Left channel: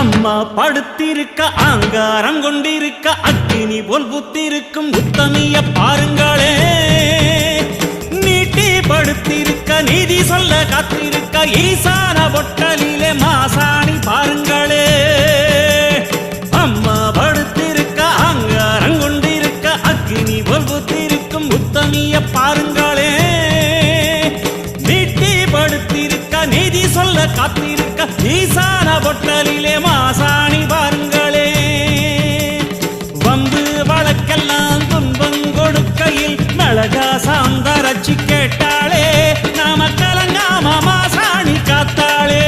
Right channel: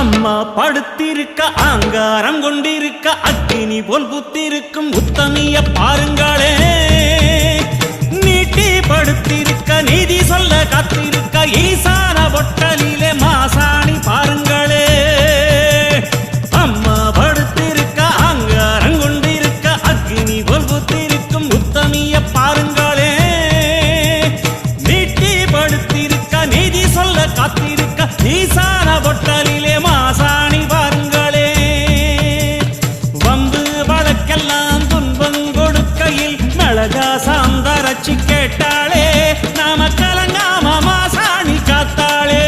அம்மா படுத்திருக்க ஆங்காரம் கொண்டிருக்க அக்கினி போல் புத்திருக்கும் உத்தமிய பாருங்களே. நீட்டி படுத்திருக்க நீதி சொல்ல காத்திருக்க ஈசான பொட்டலிலே மாசாணி பாருங்களே. அம்மா படுத்திருக்க ஆங்காரம் கொண்டிருக்க அக்கினி போல் புத்திருக்கும் உத்தமிய பாருங்களே. நீட்டி படுத்திருக்க நீதி சொல்ல காத்திருக்க ஈசான பொட்டலிலே மாசாணி பாருங்களே. வம்பு வழக்கெல்லாம் துன்பம் கொடுக்கையில் மிளகா சாந்தரட்சி கேட்டாளே. நாம கலங்காம மாசாணி காத்தாளே.